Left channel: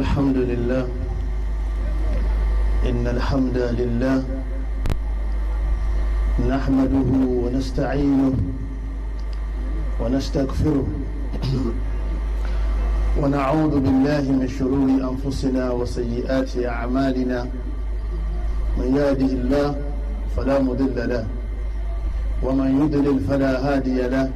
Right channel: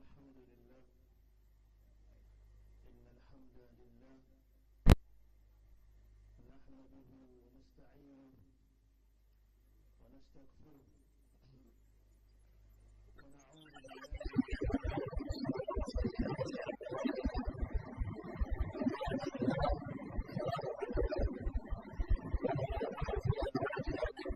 الحمد لله إن الحمد لله نحمده ونستعينه ونستغفره ونعوذ بالله من شرور أنفسنا وسيئات أعمالنا من يهده الله فلا مضل له ومن يضلل فلا هادي له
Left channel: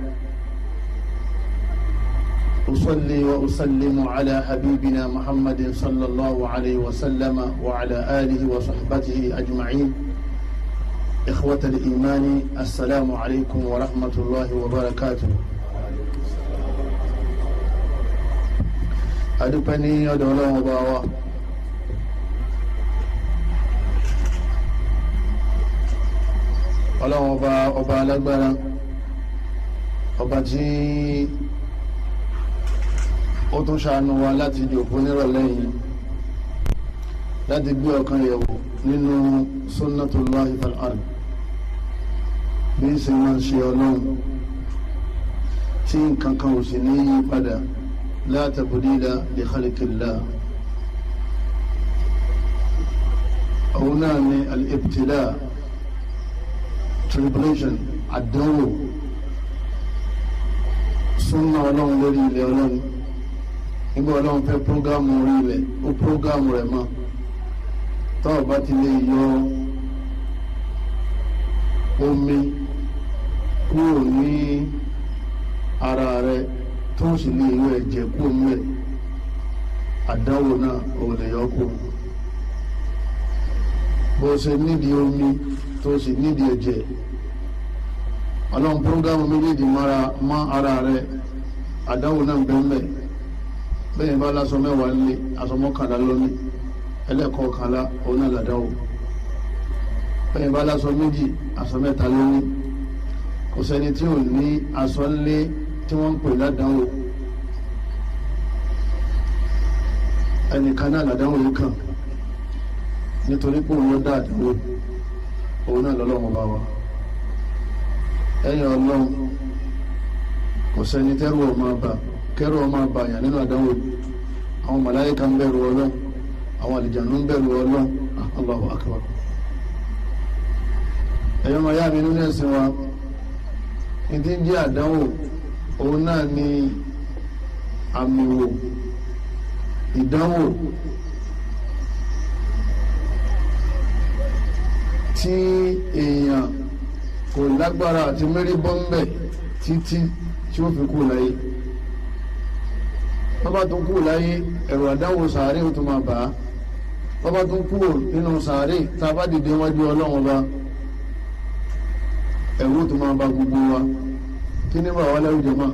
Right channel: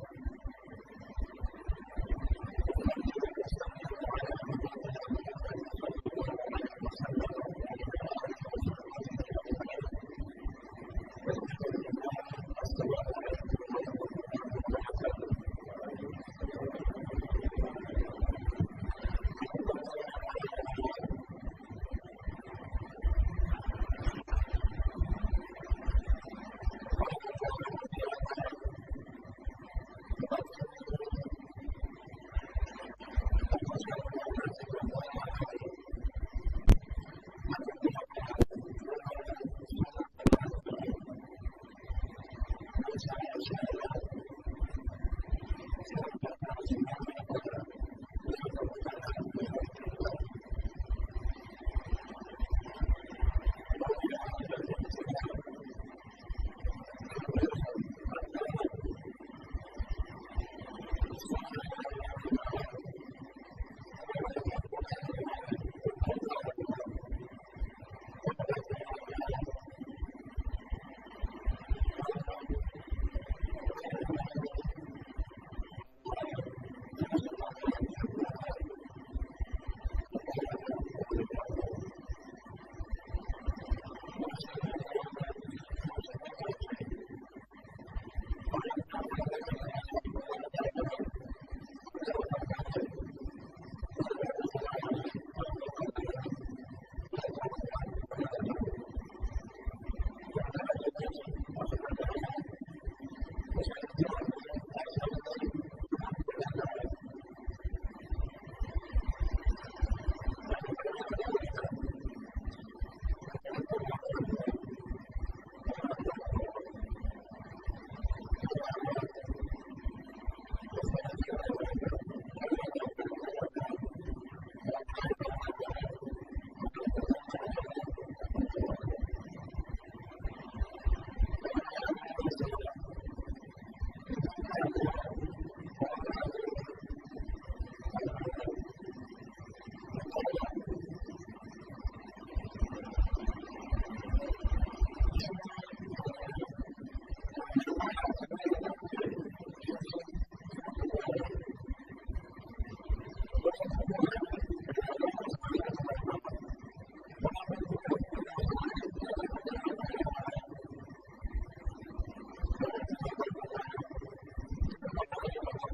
أصلي وأسلم على حبيبنا محمد صلى الله عليه وسلم وعلى آله وصحبه أجمعين. إخوة الإيمان السلام عليكم ورحمة الله وبركاته. أدبني أدولا وباوا ọlọ́run ọba alágbára ọba tí ó tún ṣàánú wa láti jòkó nírọ̀lẹ́ yìí láti gbé ọkàn yẹ̀wò nínú sunnatullahi fil ard bí í ṣe máa ṣe ọlọ́run tí nǹkan kan ò sì ní yí padà la tabdila li khalqillah. òun náà ni al-ibtila, tribulation, àdánwò súnà ọlọ́run lórí ilẹ̀ ọlọ́run. nígbà ọlọ́run fẹ́ prógámù orí ilẹ̀ ó prógámù rẹ̀ mọ́ tọ́ọ̀ bá ti lè yọ omi kúrò ní ara rẹ̀ tó sì lè yọ ẹ̀jẹ̀ kúrò nílẹ̀ àdánwò náà ò lè yọ kú. bó ṣe nídìí omi tó sì nídìí ẹ̀jẹ̀ ọlọ́run prógámù méjèèjì mọ́ ara rẹ̀ àdánwò náà bẹ́ẹ̀ bẹ́ẹ̀ bá lásọ mẹ́wàá nílé aṣọ mọ́kànlá lónìí ẹlẹ́ẹ̀kọ̀ọ̀kànlá òun náà làdáwò. bẹ́ẹ̀ bá lásọ méjì aṣọ mẹ́ta lónìí kò sẹ́ni tí ò ní aṣọ ńlé tí wọ́n ń pè ládánwò. ẹnìkan náà làdánwò yìí kàn nítorí pé òun ló dá àdánwò òun náà lọ́lọ́run bá wa. ẹ̀yìn ọlọ́run kò sẹ́ni tẹ́rù ọmọ bá kẹ́rù ọmọ àbàyàn nínú àdánwò. àwọn màláíkà ń bẹ̀rù ọlọ́run, àwọn àlìjànú ń bẹ̀rù ọlọ́run. Allahu akbar. ẹ̀yọ́ máa yá mi nínú ẹ̀sìn wa ìdí ń jẹ́ àdánwò òun náà ni àmìwò, ìdánwò tí èèyàn kò lágbára àti mérí bọ́m̀bẹ̀ títí tí ó fi kú láyé. bọ́bá tó kú láyé ẹ̀rù àdánwò sàárè ó tún máa bà á. bọ́bá tó kú nínú sàárè tá a bá dìde wájú ọlọ́run ọba ẹ̀rù ó tún máa bà gbogbo wa. kí ní bá wà láwùjọ mọ́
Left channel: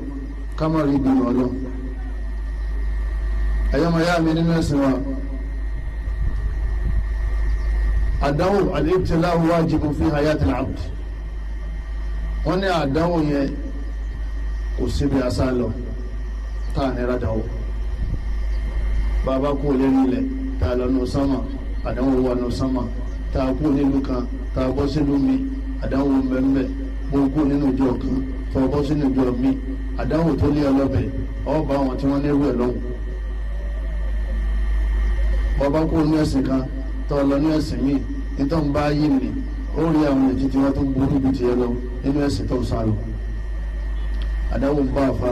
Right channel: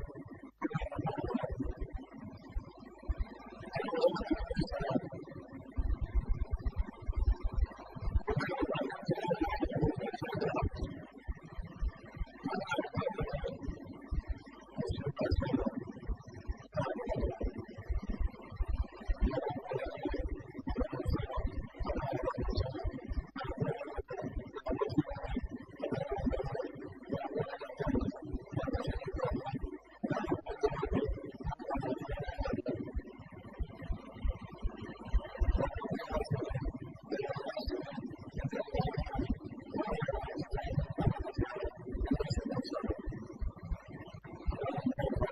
ká má rí ìbínú ọlọ́run. ẹ̀yọ́ máa yá mi nínú ẹ̀sìn wa. àdánwò al-ibtilā'u wājibun fī ḥayāti al-'abd. wọ́n ní àdánwò yẹn kò síbi àṣà lọ tá a nira dánwò. bàbá kú lẹ́nu ilẹ̀ tá a lọ nù sánmà àdánwò wà nù sánmà. tá a kú nílùú kan tá a bọ́ sínú mi àdánwò mbẹ́mbẹ́. bó kú nínú ìjọ kan tó a bọ́ sínú ìjọ mi àdánwò tó lé ọlọ́bẹ̀ ọ̀ bá wọn tí wọ́n nírú ẹ̀ lọ́hùn. bàbá kú nínú ẹ̀sìn kan tó a lọ ní ẹ̀sìn mi nítorí bá yí mi ó rí àwọn ètí tí wọ́n tún burú ju tiẹ̀ lọ nínú ẹ̀sìn tó ń sá lọ. àdánwò ń bá àfa,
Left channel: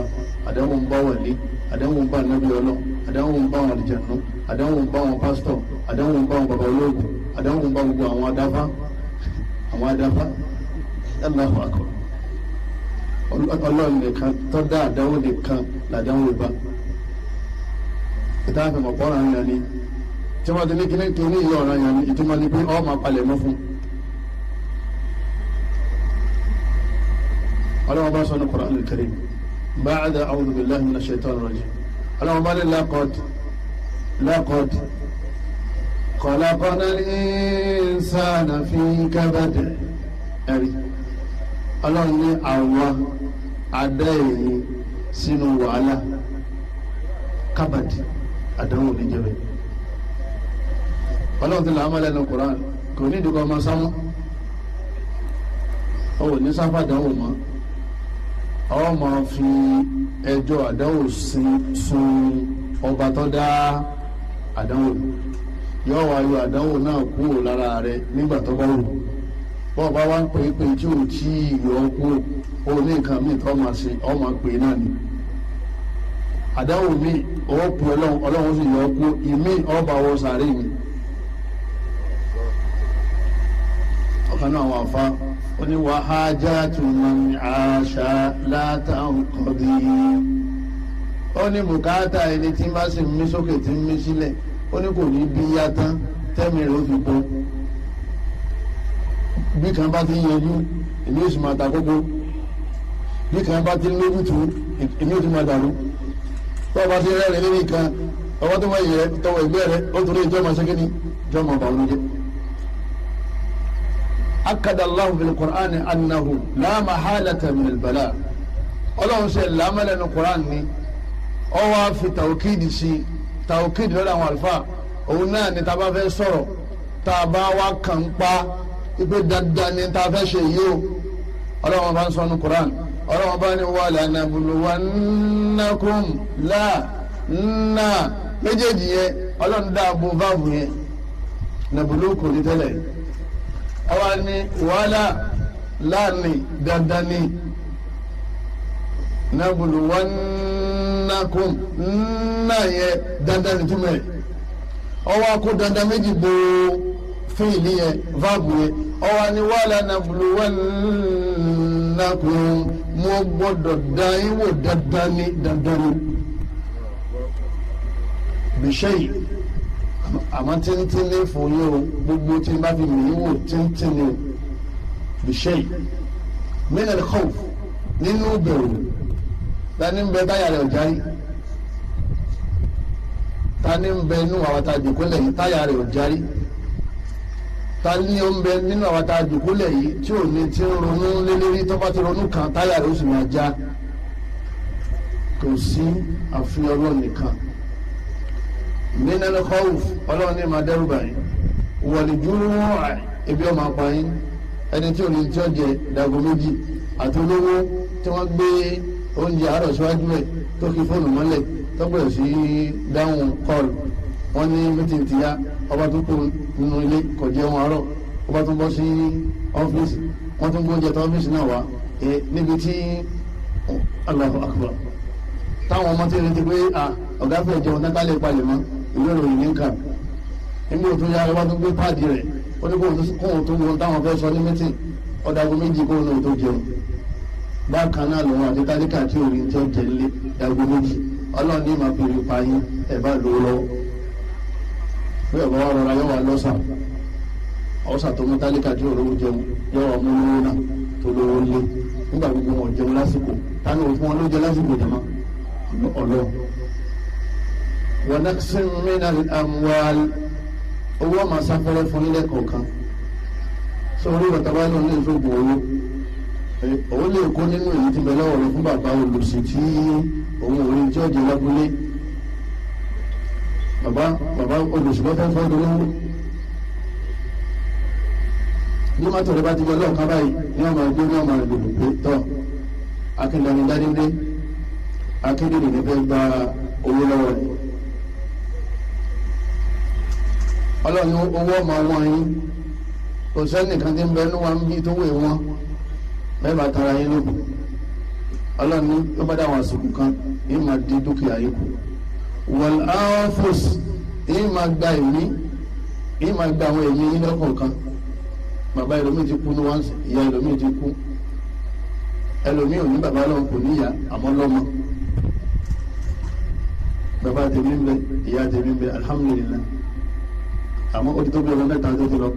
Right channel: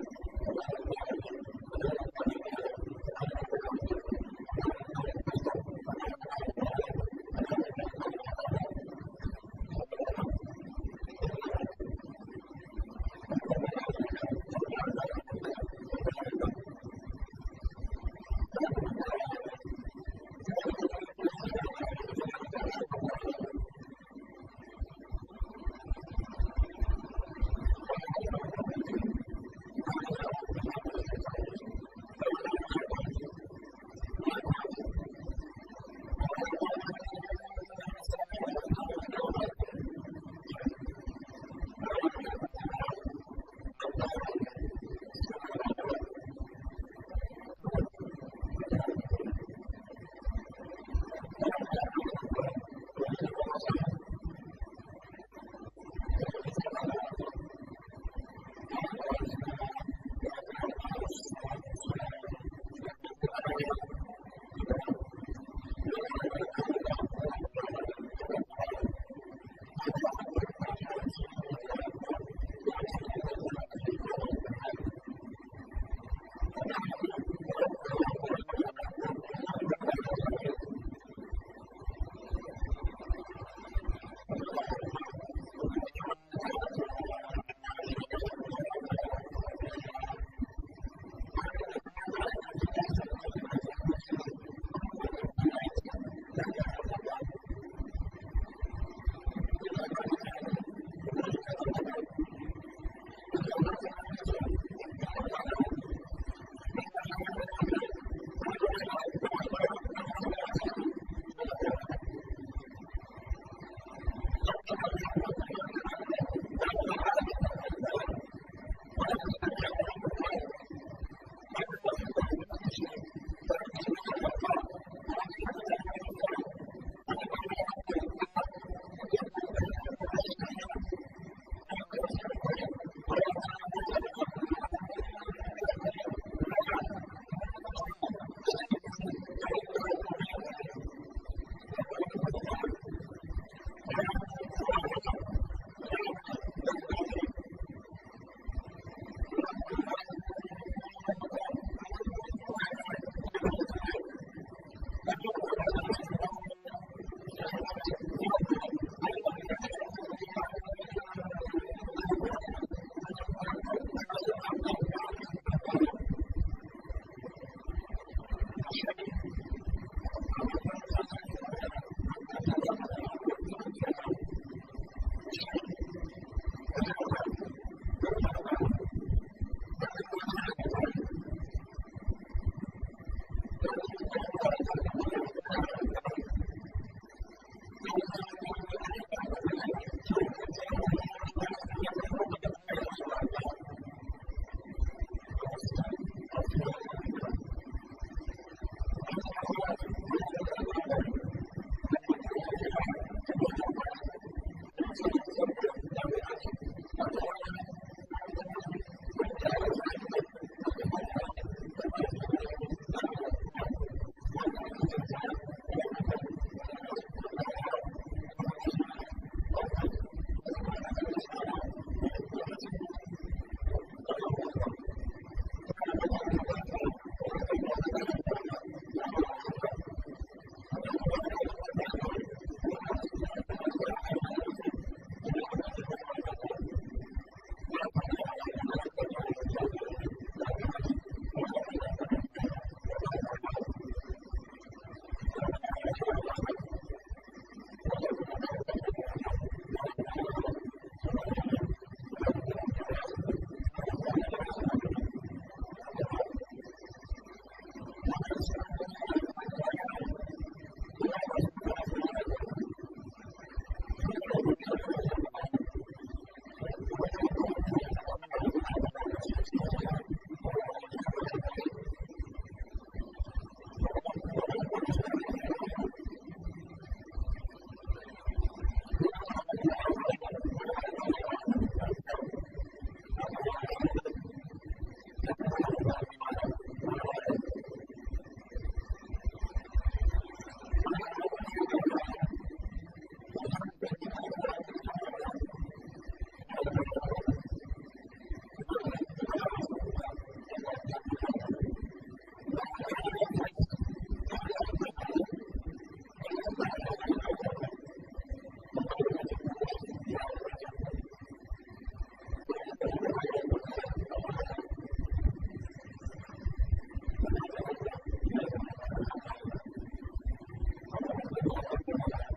àdánwò ń bá wàlí, àdánwò ń bá ànábì ọlọ́, àdánwò ń bá àwọn àlìjànú, àdánwò ń bá àwọn pásítọ̀, àdánwò ń bá àwọn bàbá olóògùn, àdánwò ń bá gbogbo àwọn adáfá. Allahu akbar. ọlọ́run nìkan tó dá àdánwò nìkan làdánwò ìbá. ìtàkùn ọ̀pọ̀ ọ̀ràn yẹn ni tí wọ́n ti ní kíní ìyá ọ̀ràn yẹn ni ìtumọ̀ ni pé ọ́ máa palẹ̀ mọ́ fún. ọlọ́run bá sọ ní Qur'an al-Karim ba'da a'udhu billahi minash shaitanir rajim. ọlọ́run bá ní laqad khalaqnal insana fi kabad. ẹ̀rí ọlọ́run ní àwọn adá èyí sínú wàhálà kábàdì àdánwò níjẹ̀bẹ̀. ọlọ́run ti làámọ́ lẹ́nu Qur'an kò ní ìdíkọ̀ ọmọ sámú ó ní sáfà dánwò mọ́ ọ máa fi ẹjọ́ àdánwò sun ọba tó dá àdánwò yóò wá yọ àdánwò náà kúrò lára rẹ nígbà tó bá wù bọ́ọ̀ bá wá ń pè é pé tí ò tí ì yọ kúrò ó ní nǹkan míì tó máa ṣe ọ́ máa pè é náà ni àdánwò míì ọwọ́ pè ọlọ́run sì yọ kúrò ìmí ọba wọ sàárè mi ọ̀kan náà àwọn àfa ó ní wa hajatu man aasha la tanqadi ó ní bùkátà ẹni tí bá sì ń mí sókè tí ń mí sílẹ̀ ó ní kò ní bí yá tán tẹ́mi rẹ̀ ó fi bọ́ bí kan bá ti yẹjú èmi ó sì máa ta kókó bí kan bá ti lójútu èmi ó sì máa dàrú bá bá ti rẹ́rìn lórí kan ọwọ́ tó wáyé rẹ tọwọ́ ìgbẹ́ rẹ ó torí ìjọ máa ṣe kí ni ìjọ máa bà wọn jẹ́. akada Allahu bil Qur'ani annahu la mahalata min al-bala ọlọ́run ṣe lámẹ́lẹ́nu Qur'an ni ọ wá fi tàwùkìdì sí tàwùkìdì lọ́dọ̀ àwọn àlùfáà òun náà ni tá a bá fẹ́ sọ̀rọ̀ tá a bá wá kàn pa ipe dandan ni tá a fẹ́ ṣe yìí o ọlọ́run bá ń sọ ní Qur'an ọlọ́run bá ní wala nabluwannakum la nà méjèèjì yẹn ọlọ́run dáàbò váàbù yẹn nàbùlù kò ní tẹ́lẹ̀ ọwọ́ ni wàhálà láàrin dandan ni nabluwannakum nà yẹ dandan ni túmẹ̀ ọwọ́ akó dandan méjì bò fíìlì yẹn váàbù yẹn ọwọ́ ni wàhálà nabluwannakum mo gbọ́dọ̀ dán yín wò dandan ni bìṣẹ́yì àmọ́ tíntín ní fún yín o gbogbo tí n bá fi mí wò tíntín ní o bìṣẹ́yì min al-khawf nínú bẹ̀rù tani ń bẹ táyà rẹ̀ ọ̀járí tani ń bẹ nínú àwọn tá a jòkólẹ̀ yìí táyà rẹ̀ ọ̀járí tani ń bẹ nínú àwọn tá a jòkólẹ̀ yìí tí ò ní ti ń ronú lélẹ́rí tó bá ti ronú kan táyà rẹ̀ ó sì máa já kò sí àfihàn ọlọ́run nìkan min al-khawf ọlọ́run ní máa dẹ́rù báyìí wal-ju' ebi ọmọ apáyín ẹni tí ò ní tí ó jẹ dàgó méjì àti olówó tí wọ́n gbé oúnjẹ àárọ̀ síwájú ẹ̀ tó kí fóònù mọ́lẹ̀ tó bẹ̀rẹ̀ sí dáhùn kọ́ọ̀lù wọ́n ní mítìn ti yá ọba tó kó nínú ilé kò jẹun àárọ̀ ọba tó bọ́ sí ọ́fíìsì wọ́n tún gbóúnjẹ tó ọ́fíìsì náà wá níbi tí Allahu akbar táwọn ọmọ tí ń retí pé ọ̀gá fẹ́ jẹun tán ká lè palẹ̀ mọ́ ìwé ìròyìn ní nǹkan nígbà tó yá ọba tó gbé páàdì rẹ̀ ó ní kóhun tó wọn táwọn fẹ́ sọ ní mítìn ọ̀dàgún méjì kóhun náà tó jẹun bákan náà lòun àti tálíkà tí òun tí ó jẹ nílé dàgún méjì ọlọ́run ní ìmọ̀ fèrè payín ẹ̀ bá lò ó lọ́wọ́ bí ọ̀bá wa rọra yọ wà lọ́sà ọ̀sà tó mú tálíkà tí òun jẹun yọ wà mú lówó náà tó lówó lé nígbà gbogbo wọn jẹun lásìkò táwọn òfin wọn ló jẹ lásìkò jẹmọ́ ọlọ́run. ونقص من الأموال owó máa sáfẹ́rẹ́ fún ilé kọ̀ọ̀kan sórí bàtàbá ló lè sóògùn owó lè kó nínú èyí tí bẹ̀rẹ̀ ọ̀rọ̀ fún bàbá olùsí tí òun ò rí tí ó jẹ lábúlé bàbá olùsí lọ́fẹ́ fẹ́ lówó bí mọ́tò rẹ bá ti yọ lọ́ọ̀kan báyìí ní ọmọ ẹgbẹ́ ní ọmọ ìlú pé tọ́ akíndani dádídé akíndani ní fẹ́ gba owó lọ́wọ́ rẹ̀ ọlọ́run owó ọmọ wọn yín kò sẹ́nìkan tí ń bẹ níwá ń bí tó wé wọn mẹ́bà tara yín lókun ọlọ́run ní yóò bá dáwọn àsìkò kan yín máa di dúkìá yín kù wal anfus yín máa gba ẹ̀mí yín máa gba àwọn ẹ̀mí yín lọ́kọ̀ọ̀kan bàbá ẹlòmíì ti kú ní wọ́n ìyá ẹlòmíì ti kú ẹlòmíì ò ní bàbá lọ́wọ́ kò ní ìyá àmọ́ lọ́mọ bàbá tèmi ń bẹ ìyá tèmi ń bẹ alhamdulillah àmọ́ ó ti tó bí ọmọ mẹ́ta tó ti lọ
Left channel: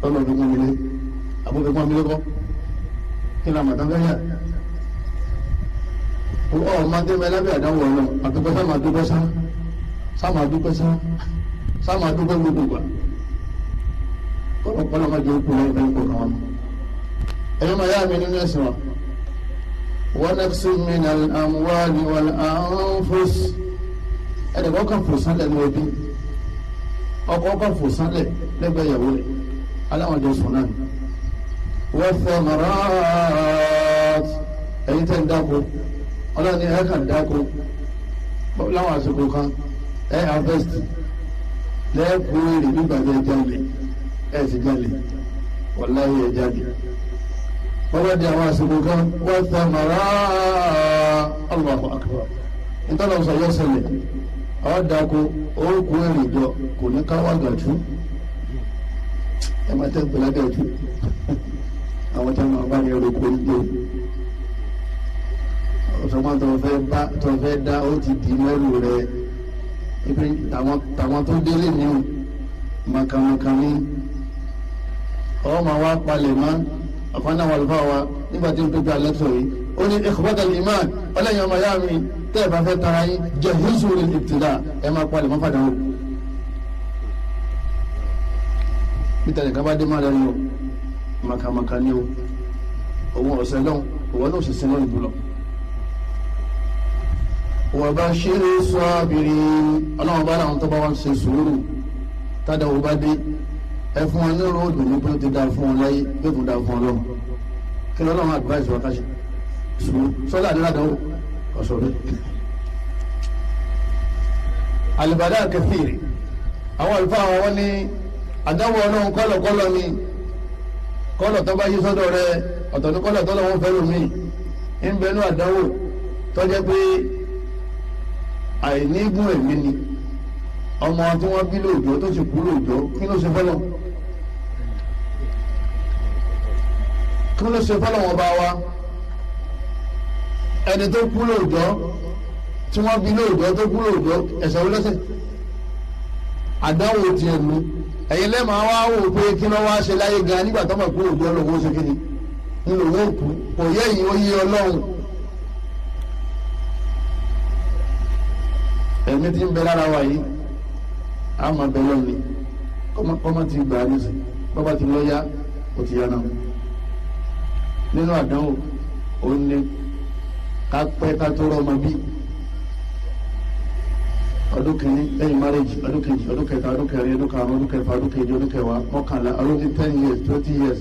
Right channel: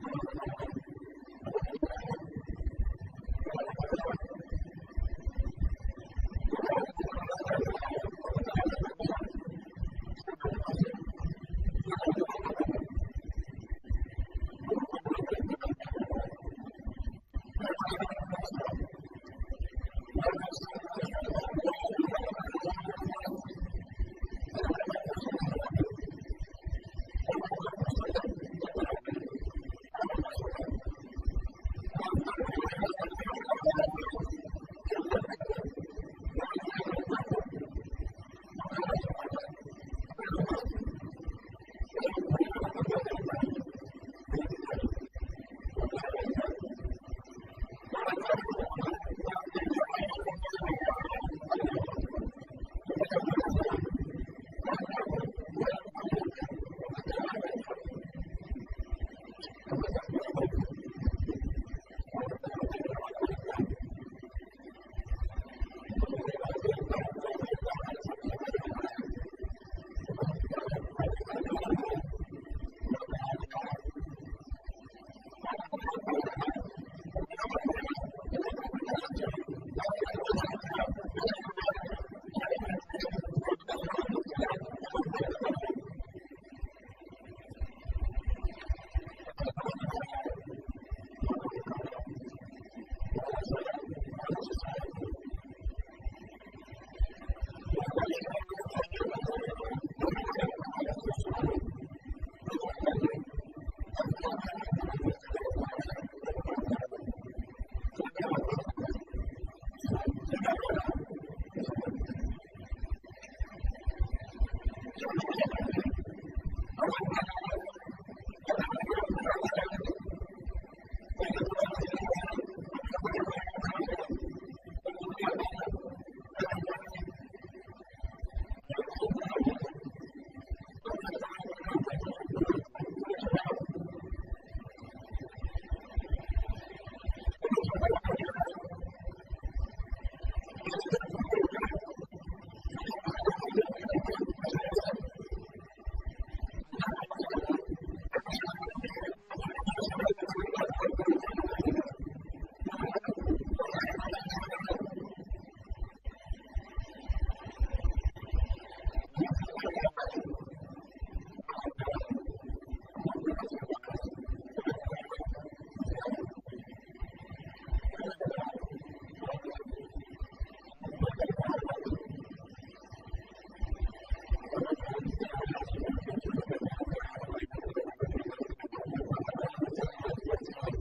tọ́lọ̀ fi pọ́n mi lé àbó fi pọ́n mi lé kọ́ kí ni àmọ̀tán fẹ́ yà ó máa dé mẹ́ lábẹ́ àdáwọ̀ ọ̀rọ̀ àtúntò sáàmà dúpẹ́ sáàmà dúpẹ́ gbogbo gbà kọ́lọ̀ má jẹ́ òkú lẹ́yìn fẹ́ kó kàn wọ́n. ẹ̀yọ́ máa yá mi nínú ẹ̀sìn wa wa naqsin min al-amwali wal anfus ẹ̀dẹ̀kọ́ kan fò sálẹ̀ ní ẹbí ọkọ kan fò sánlẹ̀ lẹ́gbẹ̀ẹ́ ìyàwó rẹ̀ aláwọn jọ sùn náà wọ́n fẹ́ mọ̀rán ẹ̀yìn tẹ́ ń dáko ọlọ́run ní ẹ̀ka ń dáko láwọn àsìkò kan ẹ̀ harvest lẹ́ẹ̀kú èrè nígbà tẹ́ jalè ẹ̀ ti jalè wàláhì ẹ̀ jalè bọ́bá di àwọn àsìkò kan wọ́n thamara Allahu akbar nítorí ọ̀sán yọ sẹlẹ̀ àwọn dako òkú èrè jọ kò ní ká wá gàtú ẹ máa tẹ́ gbọ́lá gàtú àwọn tí wọ́n bá ní ẹrù kò ní dé ọ̀sọ̀gbọ́n tó fẹ́ dá ó ti dì mẹ́rù rẹ̀ ibi tàwọn tó délé ní o màkàmàkà ní ọmọ wa palẹ̀ mọ́ ọ̀kan náà wà lùfà wa nígbà tí n tó gba lẹ́tọ̀ yìí ó ní ikhwatal iman ọlẹ́yìn ọmọ yá mi tẹ́ ẹ bá fẹ́ tara yín jahizu lil ibtila ẹ máa palẹ̀ mọ́ fàdánwò peter nìkan bá dé má lẹ́nu o màkàmàkà ní o òun ọ̀sẹ̀ lọ́hùn òun náà sì sin lọ́hùn jùlọ. وبشر الصابرين اللهم بارك àwọn tó bá wá ṣe sùúrù tada ó bá dé ẹ fún wọn ní road ní pé ó ti dá fún wọn láyé yóò tún dá fún wọn lọ́run kí ni Ọlọ́run advice wa ká ṣe sùúrù sọ́lá àdúrádánwò ọ̀sọ̀ rẹ̀ alìbàdà kẹfìrì àwọn àlùfáà wọn ní àdánwò Ọlọ́run kọ́lọ̀kọ́lọ̀ ni kọ́lọ̀ tó bá yí sọ́dọ̀ rẹ̀ ọ̀tọ̀ ní kọ́lọ̀ tó lọ́wọ́ fẹ́ lómi ń bẹnu àdánwò tó jẹ́ pé àìnígún ẹ̀mí ni ọmọ tí wọ́n bí lóòjọ́ tó sì kú lóòjọ́ kí ló ṣe fọ́lọ́ wọn bá wa ẹni tó kú lóòjọ́ tí wọ́n bí lóòjọ́ tó kú lóòjọ́ ẹ̀ṣẹ̀ wo lẹ́ṣẹ̀ àdánwò ti ẹ̀nu ẹ̀yin lẹ́màá wá wò pé kí ló wá ṣe láyé gan nígbà tó mọ̀ kú lóòjọ́ lòun ó ṣe kí ni nínú òun kú kò yẹ ìyìn ó yé Ọlọ́run ẹ̀mí tí ń bẹ lára wa yìí a máa bẹ lọ́ni kọ́mọ́ ti gbà á nísì bọ́bá ti lọ yá ó ti yá náà nínú àdánwò ó ní ká pẹ́ ká tó rọ́ ọmọ bí ọdún kìíní lẹ́yìn márẹ́jì ọdún kejì ọdún kẹta ọdún kẹrin ọdún karùn-ún ọdún kẹfà ọdún kejì ọdún kẹwàá mọ́kànlá ọdún ní 10 years 20 years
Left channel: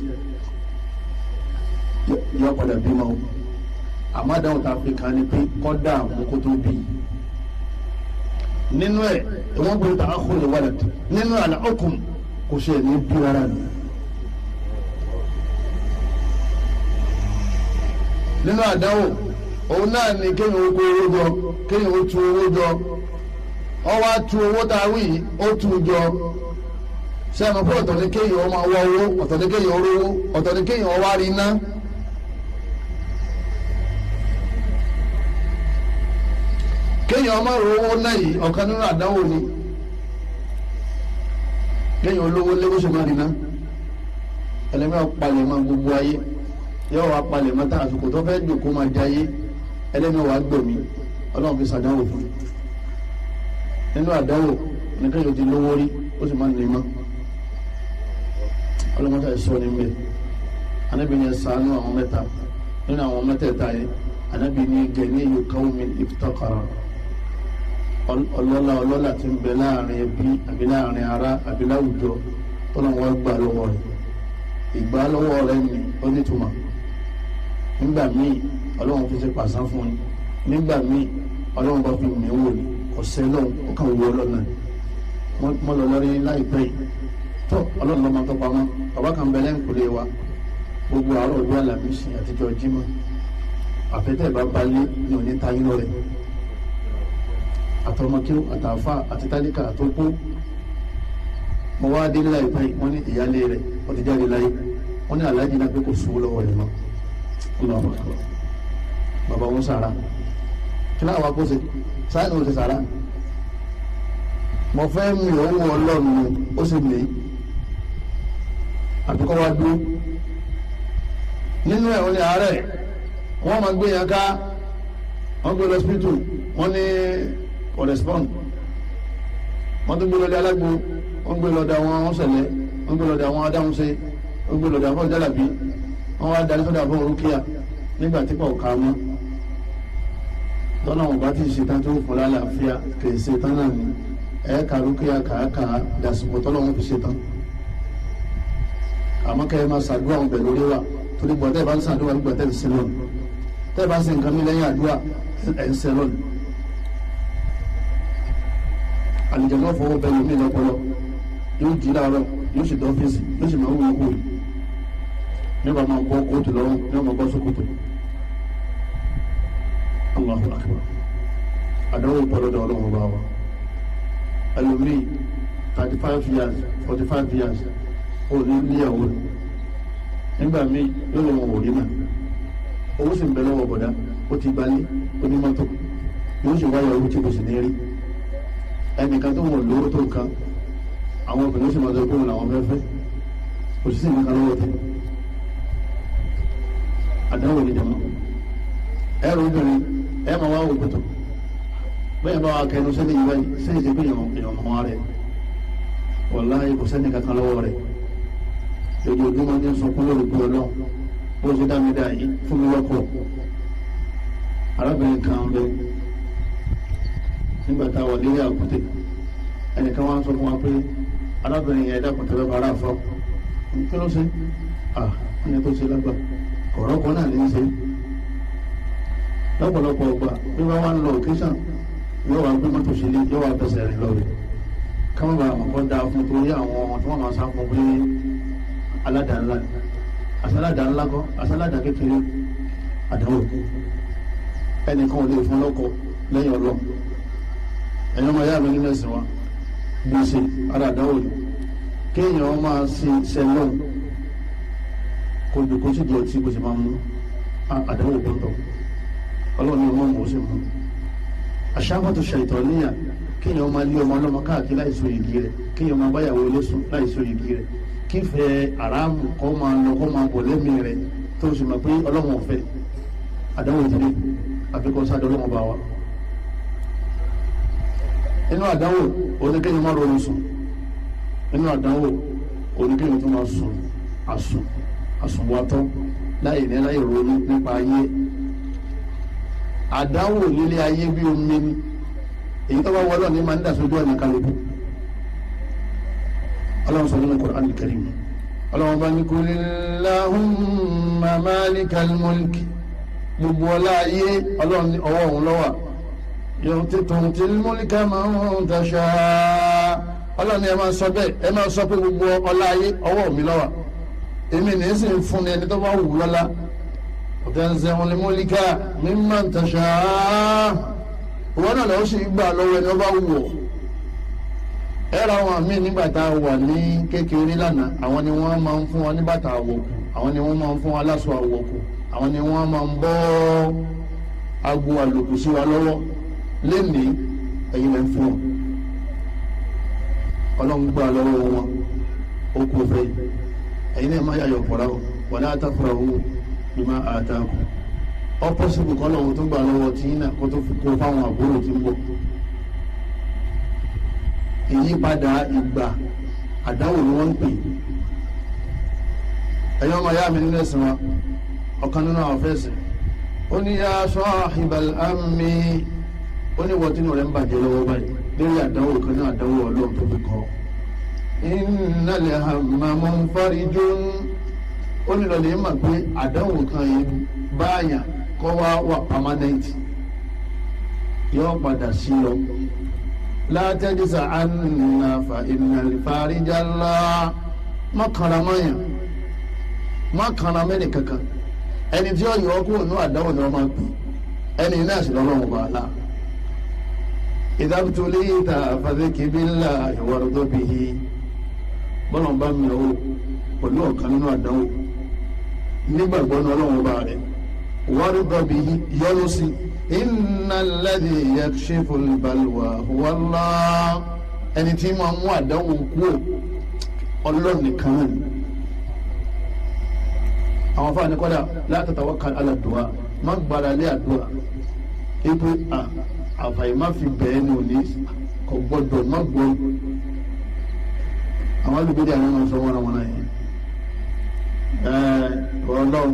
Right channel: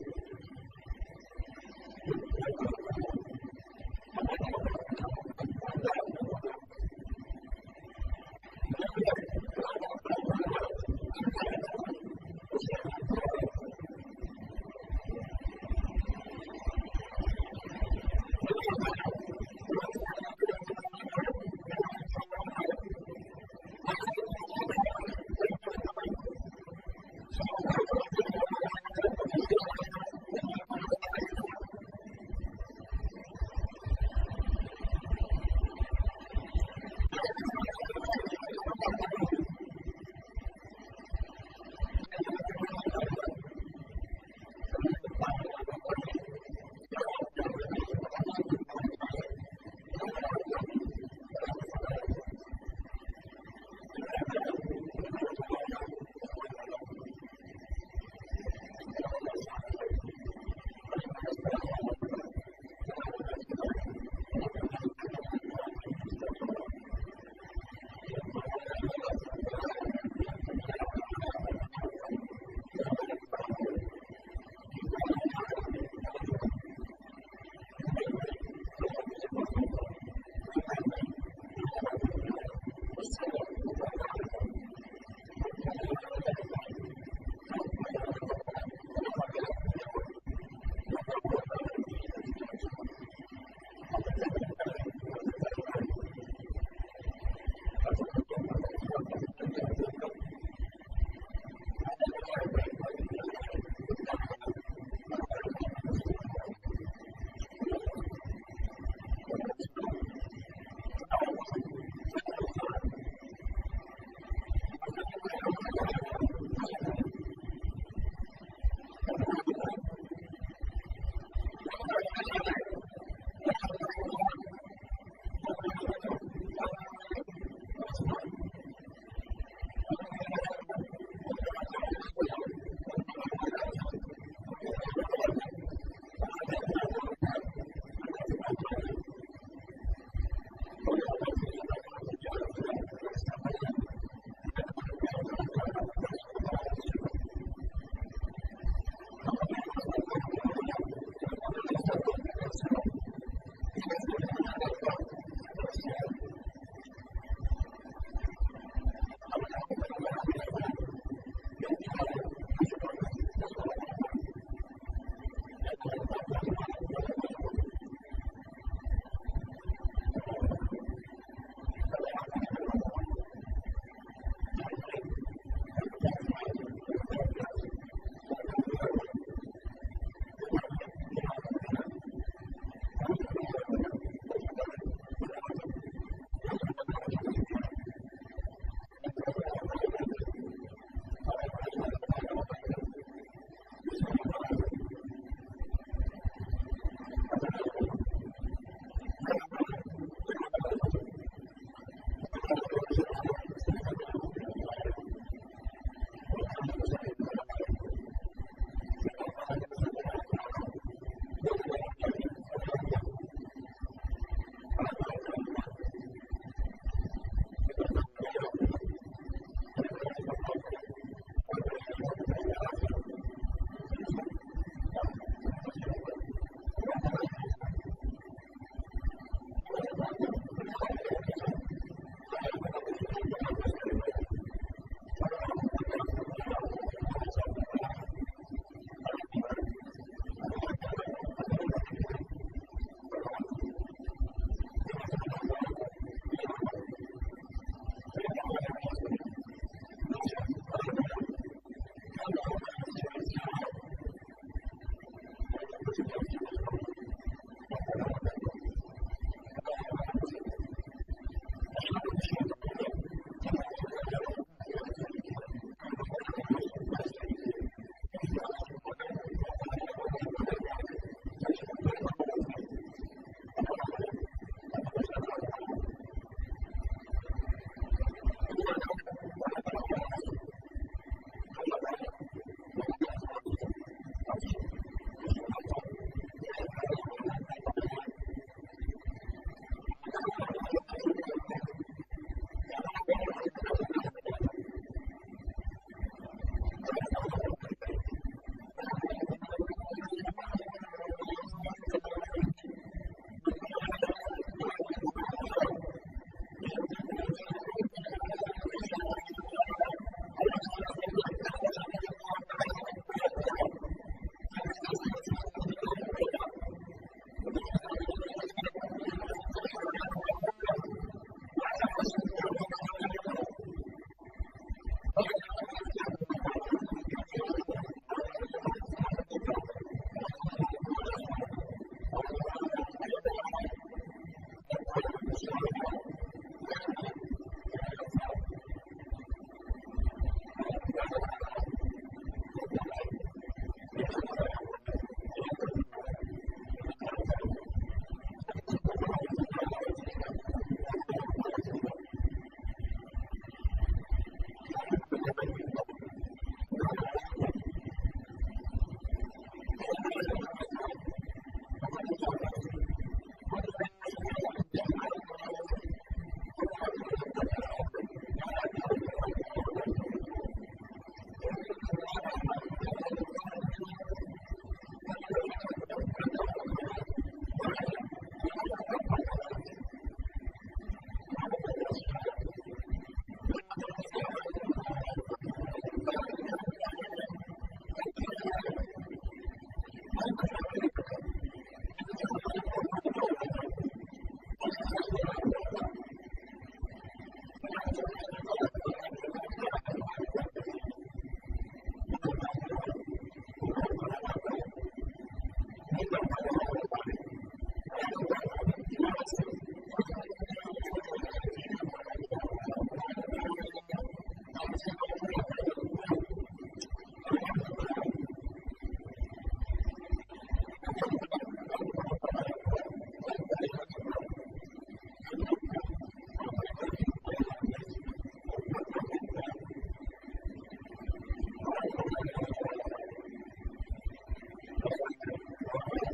yọ padà bímọ àmọ́ àdánwò tá a fi kàn ní pé kọ́dà àmúkó tó bí nínú ẹ wọn gbọ́dọ̀ ta akhul walad nínú àlà ọkùn kò ṣe ní bí rárá ni nínú àdáwò òun náà ni kéèyàn ó kó owó jọ kéèyàn ó tu owó jọ ọwọ́ tu owó tá a wí ó tu jọ sẹ́mi fún ọ̀tọ̀ ní kéèyàn ó máa wọ owó ọ̀tọ̀ ní kéèyàn ó rówó ọ̀tọ̀ ní kéèyàn ó wá rí iná. kéèyàn ọmọ rówó náà yìí ọ̀kan nínú àdánwò ni kéèyàn olówó léwó ṣe máa rìnà ẹlẹ́mìí ọ̀palẹ̀ máa gbogbo ayé yóò wá palẹ̀ mọ́tà àsìkò tó fẹ́ jòkó máa jayé ẹlẹ́mìí wàá gbẹ̀mí Ọlọ́run fi ṣàdánwò fún nínú àdánwò oníkéèyàn ti lówó rí ó sì máa ń nìmọ́ ọlọ́mọta ẹ̀sọ́ ní mbẹ́ Ànábì ní ṣàánú àwọn mẹ́ta nínú àwọn mẹ́tẹ̀ẹ̀ta yẹn Ànábì ní ganiyyu qawmin iftaqara ọlọ́lá tí ń bẹ láàrin ẹbí àbí láàrin ará àbí láwùjọ tọ́lọ́wọ́ gbà lọ́wọ́ rẹ̀ ìgbà lọ́wọ́ rẹ̀ ní onítùmọ̀ nígbà míì Ọlọ́run fi ṣe pàṣán fún ni nígbà míì Ọlọ́run bá fi mí wò ní ọ̀sẹ̀ lọ́hùn ó kàn wọ ọlọ́nà mọ́ lọ lórí láìpẹ́ yìí tó Ọlọ́run lọ́mọ tó pamọ́ bàbá kan bẹ lẹ́ǹkùlé wa gbogbo àárọ̀ ọjọ́ Àlàmísì àtijọ́ Jímọ̀ àfẹ́tẹ̀ bá balẹ̀ ní òní tayín lọ́rẹ̀ àtọmọkíw àtàfà àti tálíkà àtọkú mo wá dé láìpẹ́ wọ́n ní ìyálé rẹ̀ ó ti jáde láyé wọ́n ní aláàjì náà pé kò sówó lọ́wọ́ rẹ̀ mọ́ Allahu Akbar bàbá wọn sàrà kí láwọn akóse sáyẹn ò ti sàrà mo fẹ́ mi ò wọ Ọlọ́run ó sì mí àbíkọ́ wa dúró nínú ẹ̀ wọ́n ní àárẹ̀ wọ́n máa gbé yẹn ká wọ́n gbé lọ hospital wọ́n ní correspond wọ́n tún gbé lọ dé alágbó wọ́n gbé lọ dé àwọn ṣẹlẹ̀ wọ́n gbé lọ dé àwọn adáhunṣe wọ́n gbé lọ dé àwọn jálàbí wọ́n wá darí sọ́dọ̀ àbọ̀ orúkíà nígbà tí kò ká mọ́ tọ́nà wọn bá ti ṣetán tó fún lálàáfíà kì í ṣetán náà ni ẹ̀ẹ́ka rúkíà kàákàá dàsìkò tọ́nà wọn fi ṣetán àmọ́ kẹ́ ẹ máa ṣàdúrà wọn bẹ̀ lórí wa torí gbọ́ tẹ́ ẹ bá ń ṣàdúrà nígbà tẹ́ ẹ ń sin lọ́nù tẹ́ ẹ bá ń sin nǹkan mi lẹ́yìn àdúrà ẹ̀ ń sin lọ́nù. àlìjẹ̀nú fọwọ́ bẹ́ẹ̀ lómi lọ́pọlọ yóò jí láàárọ̀ yóò ṣètò ọ́fíìsì yóò sì máa wú ikú yìí nígbà máa bọ́ kóòtù lọ́rùn ní ọmọ bọ́ sókòtò. Allahu akbar. Àdáwò pọ̀lọ́dọ̀ ọlọ́run bá wa. Ẹlòmíì 35 years 45 years ó ní níyàwó nígbà míì yóò lọ́wọ́ òrí náà owó sì ń bẹ lọ́wọ́ bọ̀dá ó ti gbalé onímọ́tò yóò sì wáyà owó tí kò sì ní rí ẹnìkan tó wọ̀ lówó tó nǹkan àwọn obìnrin sì máa sọ pé òun làwọn fẹ́ fẹ́ kò sí nǹkan lọ́wọ́ tẹ̀. Àdáwò ní jama ẹrù obìnrin ẹ máa wá wò pẹ̀tọ̀ bẹ́ẹ̀ bá wa kẹnu sẹ́ni yìí báyìí sẹ́yìn ti pé èèyàn mọ́ wa rẹ̀ wàláhì kò sẹ́ni kankan lọ́wọ́ rẹ̀ ojoojúmọ́ ní sunkún lórí pé ọlọ́run bó ṣe dá mi dá yìí fún mi lọ́kọ̀. Arábìnrin kan bẹ nígbà tá a wà nílé àkútè ẹnìkan wá ń sọ fún wa pé arábìnrin yẹn dákun tẹ́lẹ̀ bá ara fọ́ kí ló ṣe wọ́n ní tó ṣe lágbà ọ̀rọ̀ kan náà ní í ṣe lọ́pọ̀lọpọ̀ ọgbà bí wọ́n wá ń lọ òkèṣàn yóò wá gbé mọ́tò sílé yóò wá fẹsẹ̀ rìn lọ́wọ́ káwọn bá àwọn kan dáa fún torí àwọn tí wọ́n máa sá fún pé aládàá ńlá asálàdà ńlá kọ́ asálàdà kékeré àdánwò ẹnìkan ò lè fún lọ́kọ lẹ́yìn ọlọ́run ẹ̀yọ́ máa yá mi nínú ẹ̀sìn wa gbèsè ara àdánwò yìí kéèyàn máa ṣe ṣẹlọ́n kó dùkú sí di ọtí kó sì máa mú àdánwò gbọ́ntọ̀ ọlọ́run ní ọmọ mọ̀ ó sì mú àṣàkóso ṣàìtọ́ níyà kéèyàn máa lé ọmọ ọlọ́mọ káàkiri láìsọ yìgì rẹ̀ kéèyàn máa báyàwó ilé sùn láìsọ yìgì rẹ̀ kífẹ́ aráàmù kọ́ máa lọ kọ́ máa bọ̀ lẹ́mìí rẹ̀ tó sì mọ̀ pé ọlọ́run ò fẹ́ àdánwò ìdílé àfikún sáà ọlọ́run bá wa. inú àdánwò oníkéyìn máa ronú sùn inú àdánwò oníkéyìn tó máa sùn àsùnwàtọ́ láì ní láì ronú nípa ayé. àdánwò lílé ayé bí omi ni èyí tó bá wọlọ́ ní máa ń dà sójú ọ̀nà kálukú. ọlọ́run sọ nínú Qur'an al-Karim ọlọ́run bá ní kulillahumma malikal mulki gbogbo ọlá ayé ọlọ́run ní ọwọ́ òun ló wà tu'til mulka man tasha ọlọ́run ní ẹ máa sọ bẹ́ẹ̀ ẹ máa sọ pé gbogbo ọlá ayé ọwọ́ mi ló wà èmi ní í sì ń fún ni ẹni tó bá wù lọ́lá wa tanzi'ul mulka mimman tasha ìwọ náà lọ́wọ́ sì gbà lọ́wọ́ ẹni ó bá wù ọ́. ẹ̀rọ àwọn míì nígbà tá a wà ní kékeré lánàá àwọn ni wọ́n máa ń fún wa ní bàtà àwọ̀kù àwọn ni wọ́n máa ń fún wa láṣọ àwọ̀kù àwọn ni wọ́n máa ń bọ́ agbo àlòkù sí wa lọ́wọ́ lénìí ẹ̀yin lẹ́ ń fún wọn ọlọ́run gbà lọ́wọ́ wọn ó kó fẹ́ ẹ̀yin náà máa yàyọ̀ fọ́ra o wala tafrahu bima ataku ọ́pọ́sibù kọ́ lọ́wọ́ tó gbà lọ́wọ́ tí yín náà kó tó fi kó fáwọn àbúrò tí ń bọ̀. ìyípadà ìgbà àdáwò ni wọ́n ń pè ẹ̀yọ́ ọmọ ayá mi nínú ẹ̀sìn wa ọ̀kan nínú àwọn fẹ́ẹ̀sì ó ní yá sahibal ammi ó ní wọ́tínú rẹ̀ ń bàjẹ́ lọ́wọ́ báyìí lórí àdáwò kan náà àdáwò ọlọ́run tó fi kọ́ innal hamma munfarijun ó ní lọ́lẹ̀ mà pé àdáwò kan yìí báyà kọ́ wà permanent yóò padà sí lọ. La tajza anna fa innal farijalla má kanra mọ́yàn má kanra mẹ́rin kankan ẹni tí ó yọ ọkùnrin ní àdáwò ni wọ́n máa ń pè ẹni náà sì lọ́lọ́run bá a la idha btulita fadhkir billahi warda bihi bọ́lá ń bá mi lọ́wọ́ pẹ̀lú ọ̀kan nínú àdáwò nígbàgbọ́ ní ọlọ́run bá rẹ̀ warda bihi yọ́nú sí inna alladhi yakshifu albalwa huwa Allah ẹni tí máa mú àdánwò kúrò Ọlọ́run nìkan náà ni àwọn afáàní kọ́dà la tatawakkal ala du'a má gbára lé àdúrà ipe àfàyè má fi bẹ́ẹ̀ ní òní kò gbọ́dọ̀ má gbọ́ àwọn alùpùpù àwọn ọmọ sọ wọn àwọn náà yẹn Ọlọ́run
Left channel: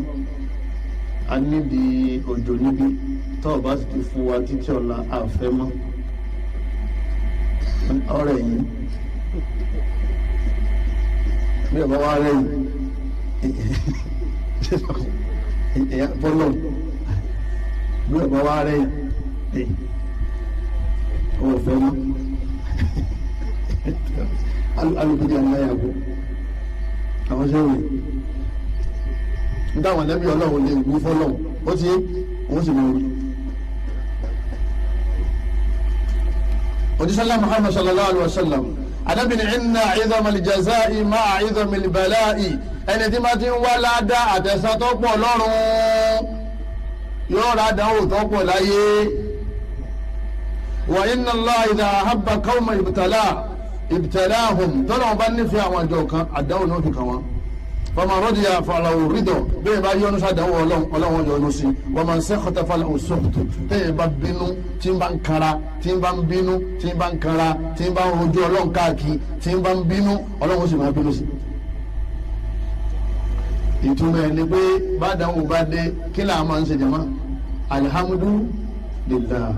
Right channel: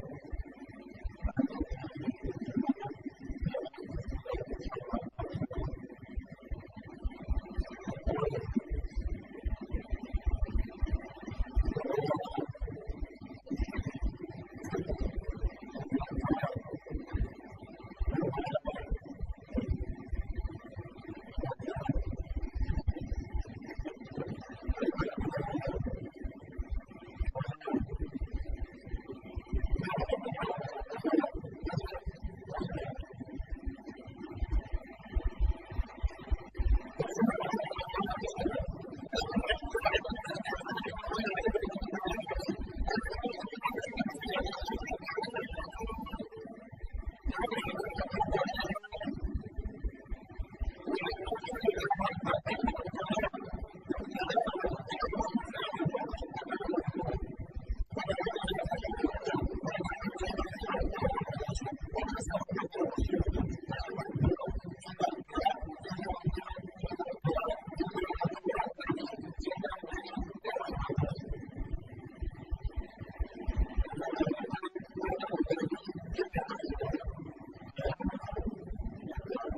a nídìí òjò níbí tọ́ ọba sì ti fún wa títí ọ̀la àfẹ́ mọ́ ọ̀rẹ́ yìí bí ọba wa rẹ̀ yìí fọlọ́ bí ọba wa rẹ̀ yìí ọ̀fẹ́ mọ́ alùpùpù àmàyàwó àwọn sẹ́wọ̀n nígbà wọn lẹ́bí ọlọ́run lè gbé fọlọ́run ó ti wọ́n sì máa wí. òjísọ́lá Muhammad sallallahu alayhi wa sallam adábìnrin inna idhamal jazaa'i ma'a idhamil bala'i ẹni tí ma ti ń wá ládàá àtẹ̀sán tó pọ̀ lọ́rùn yóò rà dánwò tó pọ̀ láyé. wa inna Allah idha ahabba qawman ibtalahum tọ́lá wọn bá nífẹ̀ẹ́ àwọn àjọ kan àdánwò náà fi kàn wọ́n. faman radiya falahu ridha bẹ́ẹ̀ bá yọ́nú sádánwò ọlọ́wọ́n yọ́nú sí wa man sakhata falahu sukhtu tẹ́yìn bá bínú tí ń bá ń kara tí ń bá ń bínú tí ń bá ń kara tí ń bá ń rojú ọlọ́run káàkiri tí ń bá ń bínú ọlọ́run sì máa bínú sí. ìtumọ̀ ẹ̀ ni pé bàdánwò bá dé kí là máa ń ṣe jama alhamdulillah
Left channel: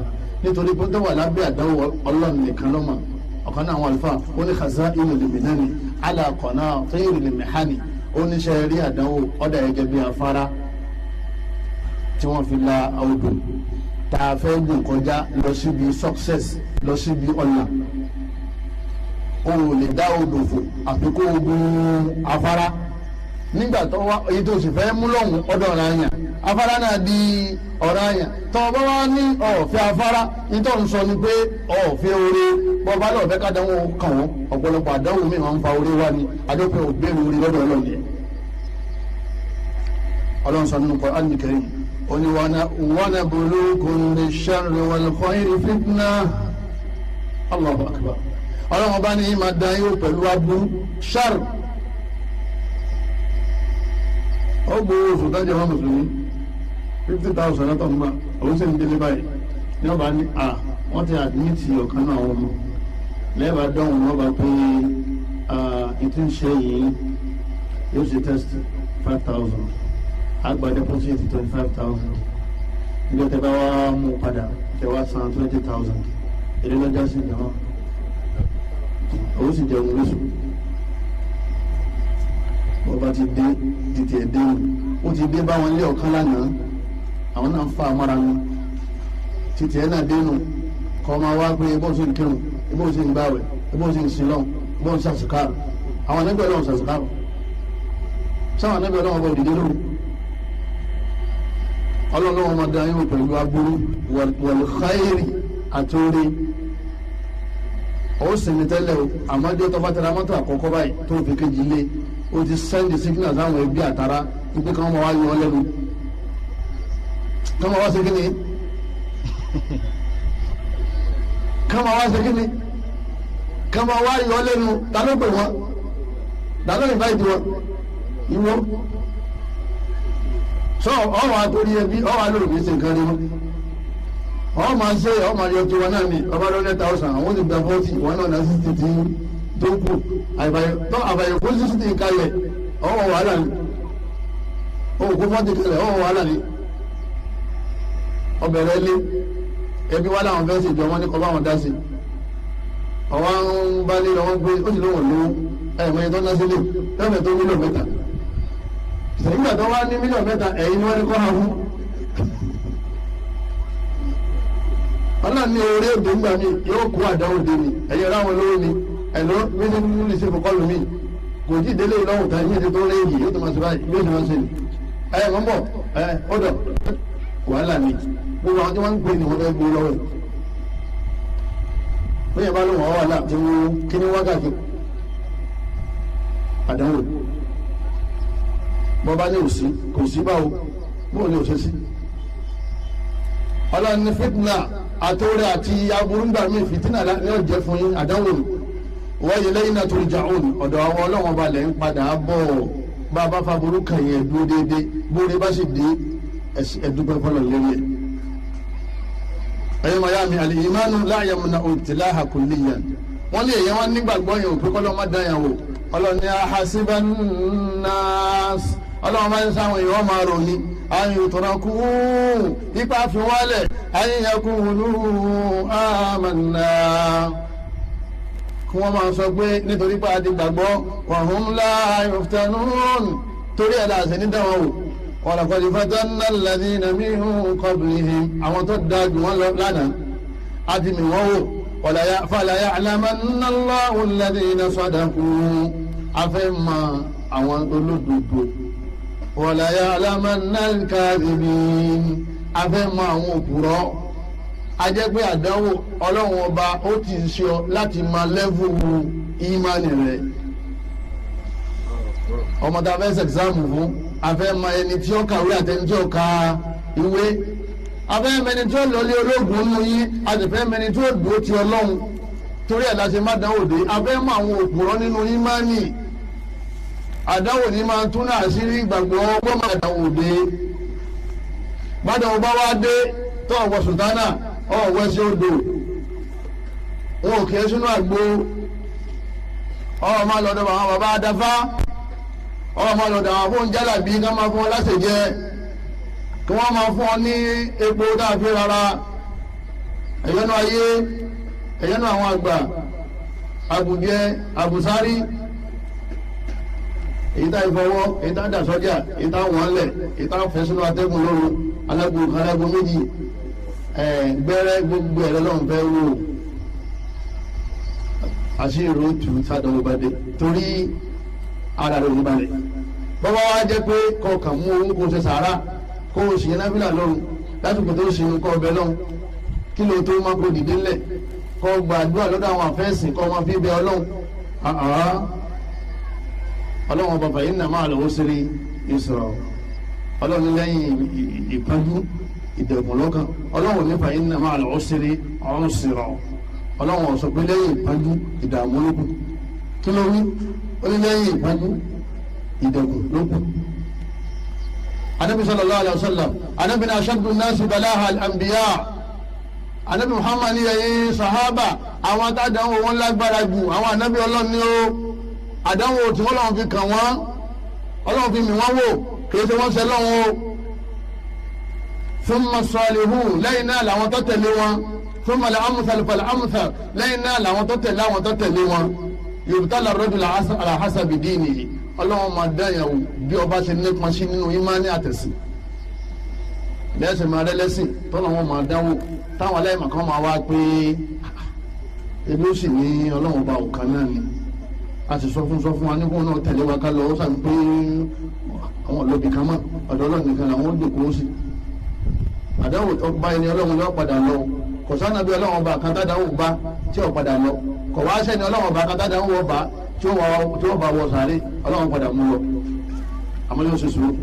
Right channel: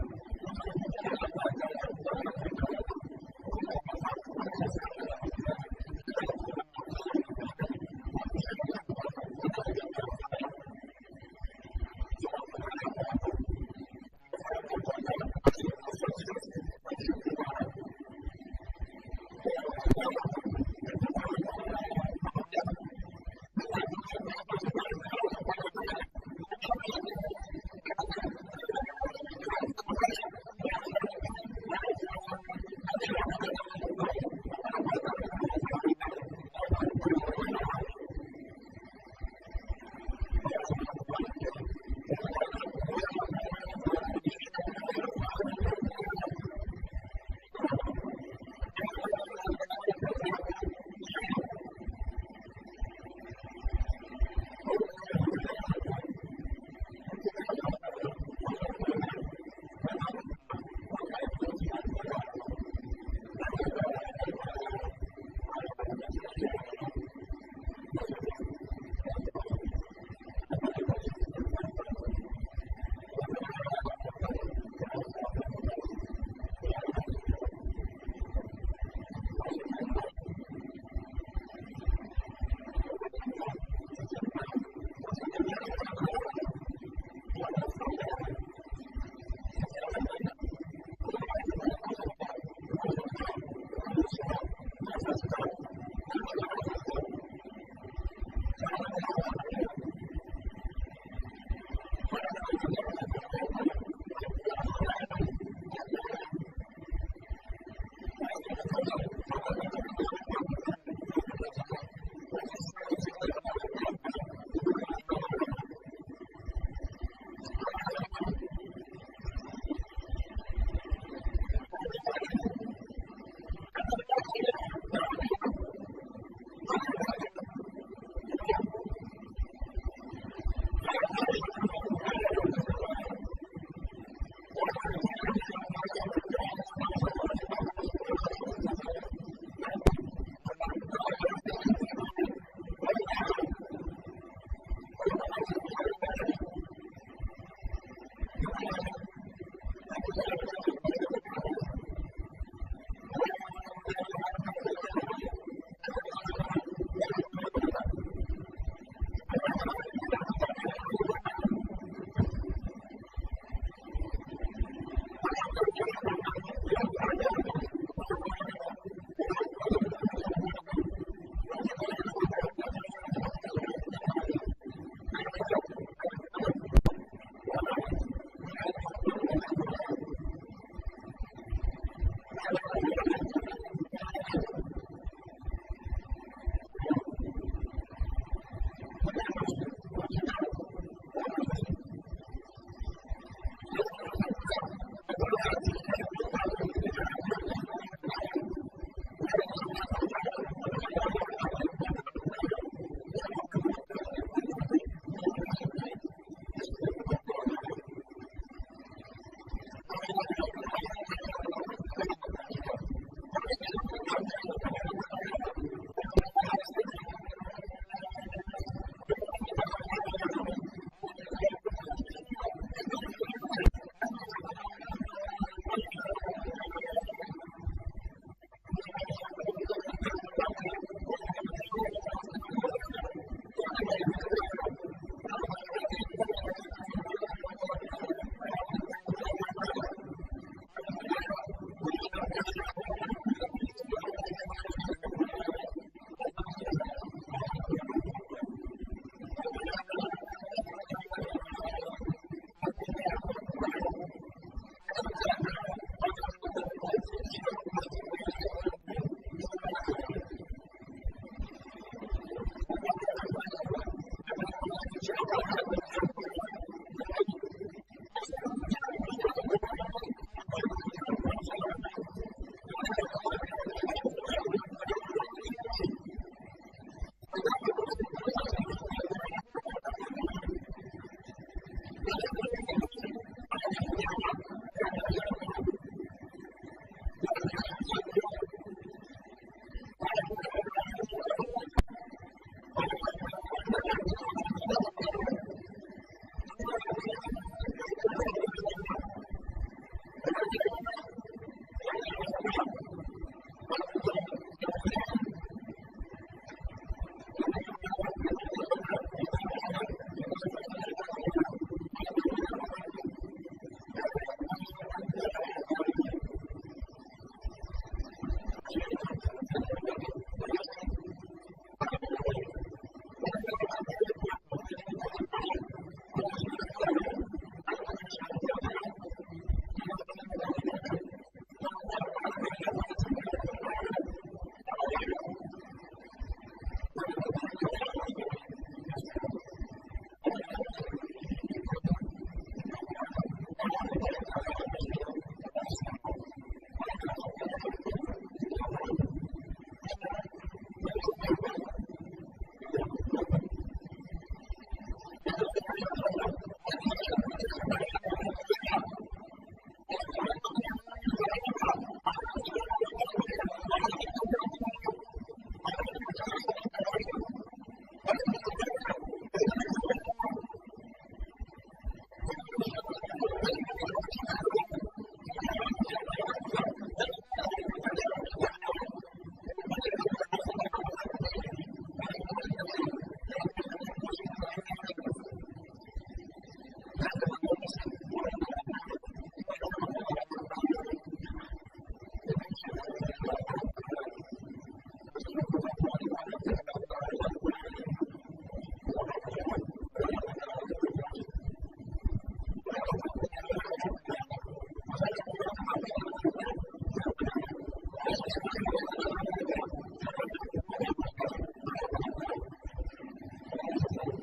nítorí pé tó wà lábẹ́ àdánwò ọlọ́run nìkan lọ́mọ ọ̀kan náà àwọn àlùfáà ó ní khaza'inu liminani ala qanatiri limihani ó ní ṣe rí àdánwò ọ̀dà gẹ́gẹ́ bí afárá tí wọ́n fi la odò tá a fẹ́ gùn kọjá lọ síbi success lọ síbi ọ̀la o ò lè dá odò fò àfi kó o gun afárá nígbà tó wá èyí tó sì fẹ́ mú lọ́hùn ọ̀dọ̀ ọ̀rọ̀ àyàn afárá náà di ọ̀rọ̀ àyàn tó o bá wá ní ọ̀fẹ́ afárá nítorí ń sọ ni pé ọ̀fẹ́ oore bọ́ bá lọ́ọ̀fẹ́ kádánwò kàn wọ́n ọ̀pọ̀lọpọ̀ àdánwò mi máa ń fa oore wá ní adópẹ́ òbéèrè oore lọ́dọ̀ ọlọ́run yẹn ọlọ́run sọ nínú Qur'an Karim oni wana bulukun bisharri wal khayri fitna Allahu akbar ọlọ́run bá ní ma dán yóò pẹ̀lú aburú ṣar ó gbowó oṣù tọ́jú ọmọ mùsùlùmí 50,000 látọ̀ ń gbà òun sì ń délé báyìí ní ọba ní wọ́n ti àdmìtì ọ̀kan náà wọn lẹ́ẹ̀bà dánwò wọn bá pé ìtí ń ṣe yìí yóò ṣe test 5,000 agba deposit 25,000 ilé tẹ́ bá wá mú padà tẹ́ wá san 20,000 èlé lọ́jà sí ìjọba owó sì jẹun lóṣù bọ́ba ti dé títí ẹ̀ dé ó ti dé báwọn ilé ọ̀kan lánàá àwọn náà fa amára mi títí ẹ̀ náà dénú kọ́ máa wá pé ebó ṣe ń kírun ebó ṣe ń gbáwẹ̀ ebó ṣe ń sinlọ́n ebó ń ṣàṣìkárù àwọn ẹgbẹ́ ọlọ́run ṣàṣìkárù sáwọn ẹgbẹ́ ọlọ́run ọba òdìdé lóru ọlọ́run ọmọ dá yín pẹ̀lú aburú wal khairi àtòrí ó sinmi tẹ́lẹ̀ o àmọ́jọ́ tó bá tẹ̀lé amọ́tò àkọ́kọ́ báyìí tó fi kejì lé o ti sẹ́ndì signal sáwọn ẹbí àtàrà wípé káwọn máa wá yọ ọ lẹ́nu káwọn máa wá ṣe kí ni káwọn máa wá ṣe kí ni káwọn máa wá yọ ọ lẹ́nu ta ló pè wọ́n ta ló invite wọn ìwọ sọ ọwọ́ àtòrí ẹbí ọwọ́ àlọ́ òní ṣe nǹkan rí wọn ọ máa ṣe ọ máa yọ tiwọn náà ni ọba lọ́dẹ 1,000 àwọn ti gba 40 wọn náà náà 60 tí tó kù àbàyè kó 60 kalẹ̀ ọwọ́ wàhálà ni ọwọ́ kó 40 kalẹ̀ ọwọ́ wàhálà ni ọbẹ̀rẹ̀ lé ẹbí wà láwọn fẹ́ ṣèjọ wọn ní kọ́ bá wọn dá sí ọwọ́ ń bá lé lọ́wọ́ pé ó sì lóhùn lówó ẹ̀mọ́ yẹn tó ná sílé lọ́fẹ̀ẹ́ tó mílíọ̀nù mẹ́ta nígbà tó wá ní mílíọ̀nù mẹ́ta ẹ̀yin ni wọ́n ní kọ́ ha fún ọlọ́run ní orí òde ńgbà mi yóò kó àdáwò dé mi ẹ̀yẹ ráwọn lówó ni ẹ̀lọ́ mímú ní sèpò kọlù mi kò tí délé ìlọ́wọ́ ta ìmí ìdí tó léyìí yóò tó máa sọ báyìí bí ó ṣe máa ṣe ni ẹ̀ mọ́ bọ̀ ẹ̀ ọ̀dọ̀ wàhálà ni gbogbo àwọn tí wọ́n ń pè ní wọ́n fẹ́ gbó lọ́wọ́ bí yẹn bá lóun ọ̀wọ́ wàhálà tí wọ́n kí ní wákàtí àdáwò bọ́ bá ní òsì kò sí báwo bóò ní òṣèṣì ọlọ́run ní fitna àtòrè àti aburúgbà mi fìtínà ní ọ̀jẹ̀ fún yín àdánwò ni wáyé lẹ́yìn náà turja'un ọ̀dọ̀ àwọn ọlọ́run balẹ̀ ń padà bọ̀ bá a bá fa burú kàn yẹn dúró déédéé bóore bá sì dé ẹ̀dúpẹ́ fọlọ́ lérí ẹ̀. ẹ̀yọ́ mayami al-imanu la yamna'u ibtilaha kulliyan wọ́n lé èyàn wọn nígbàgbọ́ yẹn òpin kọ́lọ́ má dán yẹn wò ọlọ́ni ahasiban nas ọlọ́run máa ń sáwọn èèyàn máa rò ní ayò tọ́rakú ipa fi wálẹ̀ ayẹyẹkùnlú àmàna kí wọ́n máa sọ pé nítorí pé a ti gbàgbọ́ wàhún láàyò fìtánún torí ẹ̀ láàṣẹ ní dáwọn wò walaqad fatanna alladhina min qablihim àwọn tó dáa jù wọ́n lọ lánàá a ti mì wọ́n wò fala ya'lamanna Allahu alladhina sadaqu afẹ́ mọ àwọn olódodo wala ya'lamanna al-kadhibin afẹ́ mọ àwọn òpùrọ́ ajẹ́ pé àdánwò ọlọ́run ọba ó ti ṣe ọ láti máa lẹ́vù ìmánì rẹ̀ ọmọ tá a fẹ́ ṣe ẹ̀gzámù fún afẹ́ mọ ẹni tí ó kàwé àtẹni tí ó ka ìwé afẹ́ mẹni tí ó lọlé ológun nínú yín àtẹ̀fẹ́ mẹni tí ó dúró ti ọlọ́run torí ẹ̀ láti má dánwò dé afẹ́ mọ àwọn òpùrọ́ nínú ìmánì àdánwò ní máa tún náà àṣírí ìgbàgbọ́ ọgbọ́n máa dánwò dé bàdàn ọba wa dé tó ọ̀wọ́ sùtánà ọ̀wọ́ ẹsẹ̀ odò wọn ò kí ẹ sínú àgbo ọmọ lọ́dọ̀ àwọn bàbá adáfá ọmọ lọ́dọ̀ àwọn fún jálàbí ká máa fún ọ láṣẹ jẹ kí wọ́n máa fún ọ ní epo dáàbí rárá ẹ̀yẹ́nu ayé ẹ̀yẹ́nu àwọn àgbà àbùjẹ àbùsárí èyí tá ìfọwọ́ èyí tá dà sọ́jà èyí tá wọ́n lẹ̀ èyí tá fẹ́ sínú atẹ́gùn lóru alágbó méjì gbẹ́rẹ́ gbogbo ẹ̀rọ lọ́hùn fẹ́ wò àṣírí tù sádọ̀wọ́ bá dé torí ara rẹ̀ ò balẹ̀ bọ́bá wa jẹ́ pé kọkàn mú owó kó ṣe sàárà kó o ṣìyẹn náfìlà lọ́rùn lásìkò tó ṣe nǹkan ọbẹ̀ lọ́hùn kí ló tó má kó dìde ńlẹ̀ kó gbàdúrà lọ́dọ̀ àwọn àfẹ́sìn kó wọn fi bẹ ọlọ́hùn ọlọ́hùn ọba fa inna ma'al usri yusra ọlọ́hùn lẹ́yìn ìpọ́njú ìdẹ̀kùn lọ́kàn ọlọ́hùn ní fa inna ma'al usri yusra ọlọ́hùn ó sọ pé lẹ́yìn ìpọ́njú ìdààmú lókun kí ló wí ó ní lẹ́yìn ìpọ́njú ìdẹ̀kùn lókun. anabi sallallahu alayhi wa sallam anabi na ashaddu nasi balaha al-anbiya anabi muhammad ní ẹ̀yin sahaba àwọn àtàdánwò wọn lágbára jù àwọn anabi ọlọ́run ní ó àdánwò tí wọ́n lọ́wọ́ fi kàn wọ́n ọlọ́run fi mì wọ́n wò kìí ṣe wọ́n ṣe lọ́wọ́ o thumma salihun lẹ́yìn náà làwọn tó tẹ̀lé wọn thumma al-amthal fal-amthal lẹ́yìn náà làwọn tó tẹ̀lé àwọn tó tẹ̀lé wọn yubtala ar-rajulu ala hasabi dinihi ọlọ́run máa dáyàwó bí ọba ṣe nípa sí nínú ìmánì àtẹ̀sìn lẹ́sìn máa rẹ́lẹ́sìn tọ́lọ́ wọn máa dáwò táwọn aláìmọ̀ kan máa wá pé ebi ó sì ní ọlọ́run ọba òkan náà ni a sì sọ fún wa nígbà náà tẹ̀lé wa ká lọ ó sàn pé àwọn olóbì kan mọ̀ ọ̀dọ̀ ọlọ́run nìkan làwọn ó dòkó sí àdáwò tó bá ẹni ọlọ́run yóò padà lọ kò sánà bí ọlọ́run ọba kan tádàwò bá tí ò padà lọ kò wá sẹ́ni ọlọ́run ọba kan tádàwò bá tí ó bá wọ sàárè ọlọ́run padà mú lọ àmọ́ yóò ṣe sùúrù.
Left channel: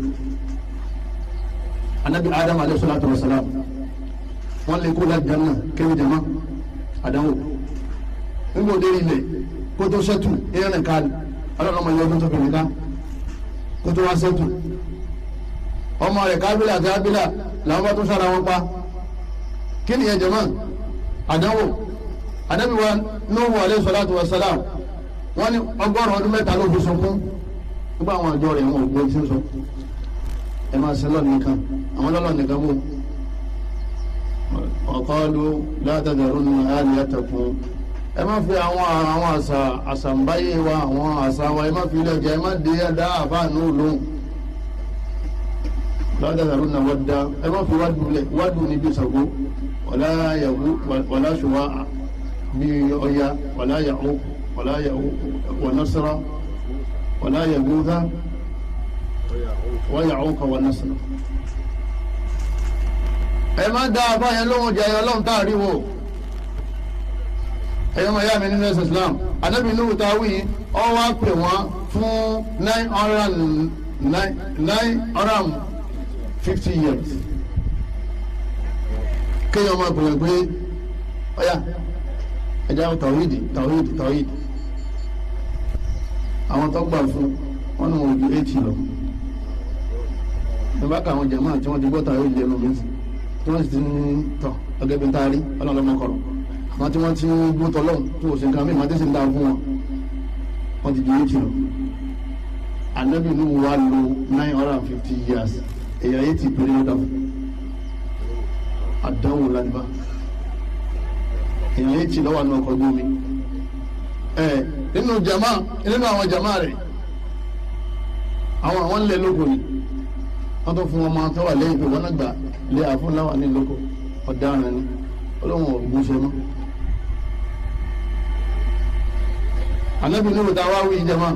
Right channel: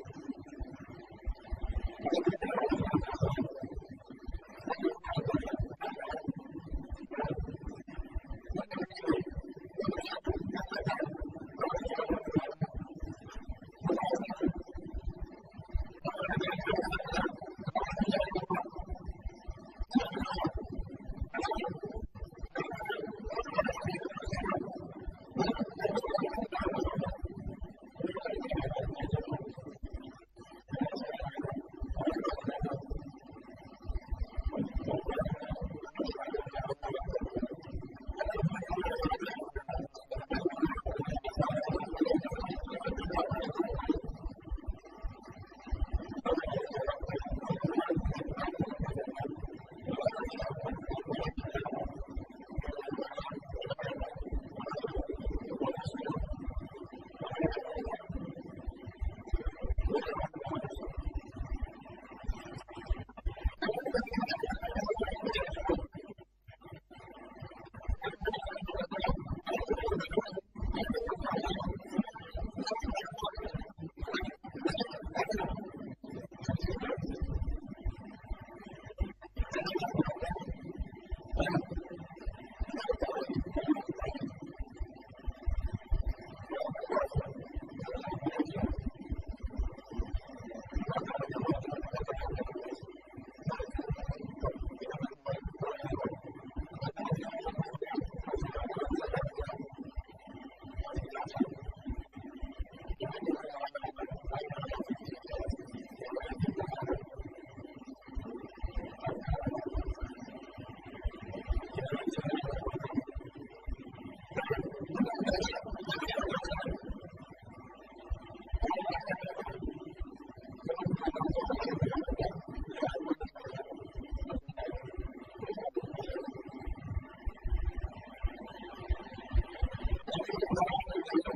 anabi adam alayhi salatu wa salam wọn lè kó láti janna kéwì jama àdánwò nígbà òde ilẹ̀ kó tó sẹ́tù ìrìn ká ọlọ́run ọmọ yẹn ọdún tó kìnnì ká kó tó wá sẹ́tù ọmọ rẹ̀ kábílà àti ábílà làwọn bá tó sára wọn pa kí ni yẹn jama àdánwò anabi wa nuhu alayhi salatu wa salam wọ́n ní 100 ọdún mẹ́ta ló fi sunkún nígbà àwọn àjọ rẹ̀ wọn ò gbé tí ń sọ ẹ máa ṣe lọ́ọ̀ nìkan àwọn lọ́ọ̀ nìkan bò ọ̀kọ́lu látàdàrú ní aliyatakum ẹ má fi àwọn àṣàǹbáyé wa àwọn àṣà wa ẹ má fi ilé ọjà ẹ má dé dá àfáànù lóhùn látàdàrú ní wádà ẹ má fi wádùú níbi Ṣàngó wàlá ṣùwà bí Ọya wàlá Ya'uq ولا ونصر ولا يغوث ويعوق ونصر ẹ má dá àbáyẹ lóhun jẹ ọlọ́run tá a rí wò ẹ̀yọ́ mọ̀ yá mi nínú ẹ̀sìn Islam anábì Nuhu táwí ọ wá pè wọ́n fún 950 years kéèyàn máa pè wọ́n pé ọ̀yà ẹ̀já tàwídì àwọn tó gbà fún wọn ní wọn ò ju 80 lọ nígbà kan àwọn jàmáà tí wọ́n ti gbọ́ tàwídì lẹ́nu mi tí wọ́n sì ti ń tọ̀ gẹ́gẹ́ bí n ta rí ọlọ́run kọ̀rọ̀ àwọn tí wọ́n ti ń gbó tọ́lọ́hún tí wọ́n sì ń ka mí màtí sì ń dá fún wọn wọ́n ti ju 80 lọ Ànábì Nuhu wá lo 950 years èèyàn 80 péré ló dà fún àdánwò ládìbá èèyàn 80 lọ́wọ́ àná ọkọ̀ ojú omi nínú àwọn jama rẹ̀ àwọn lè lóko ni wọ́n tó fún ọmọ tó wà lẹ́yìn pé wọ́n náà gbà lé àfúnláwà ní lóko ọ̀daràn ni olóhùn ògúnṣẹ́ mọ́ anabi Nuhu ta wá wí jama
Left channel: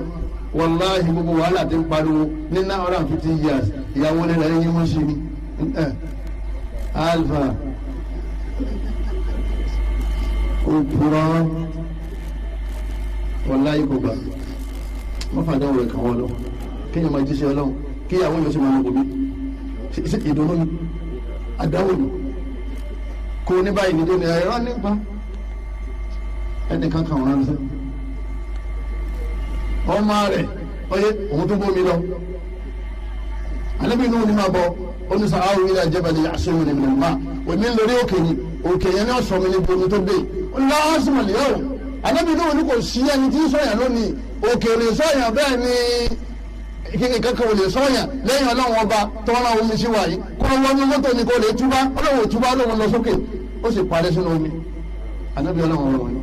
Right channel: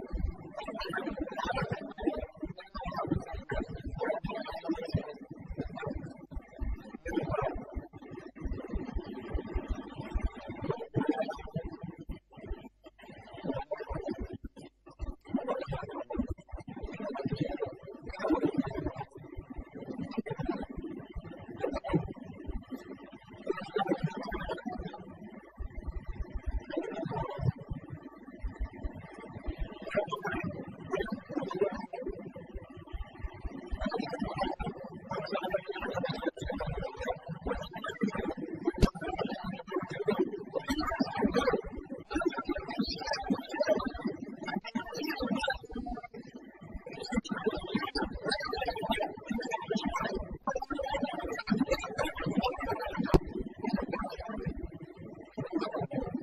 wàláhi gbogbo wàhálà ti ń pariwo ní 950 years ìyàwó lè rẹ̀ yín mọ́ sí ni alfa òpùrọ̀ wàláhi kò gbà mọ́fàdé wọ̀rẹ̀ kan wọ́n lọ kíyàn máa jíṣẹ́ ọlọ́run kíyàwó yóò sì máa lọ́gbọ̀n mi sí ìdùnnú ni àdáwò ni kò ní báyìí nídó ni ẹ̀rọ nípa ẹnìkan kan wọ́n ránṣẹ́ ọmọ rẹ̀ ọyẹ òun tó bómi lọ Ànábì Nuhu ní máa bọ oníṣà àwọn ilé àjẹbàlẹ̀ àṣẹwọ̀n ní mílíọ̀nù máa òní lórí òkè ni òkè yẹn ní ọ̀sán mi ní bomi tó dé olùwà ọ̀sùnmọ̀lì yẹn o Ànábì Nuhu ní kò sí ẹni tí ń sọ̀yàn lónìí òkè lè sọ̀yàn bẹ́ẹ̀ ni kíni kankan ò lè sọ̀yàn lẹ́yìn ọlọ́run ọba tọ́ra omi sí wáyé kó wọ́n ní mọ́tò ni kò lè túbá ọlọ́run ò túbá ọlọ́run lọ sókè ó sì parẹ́ sínú omi Ànábì ọlọ́run ọba wọn.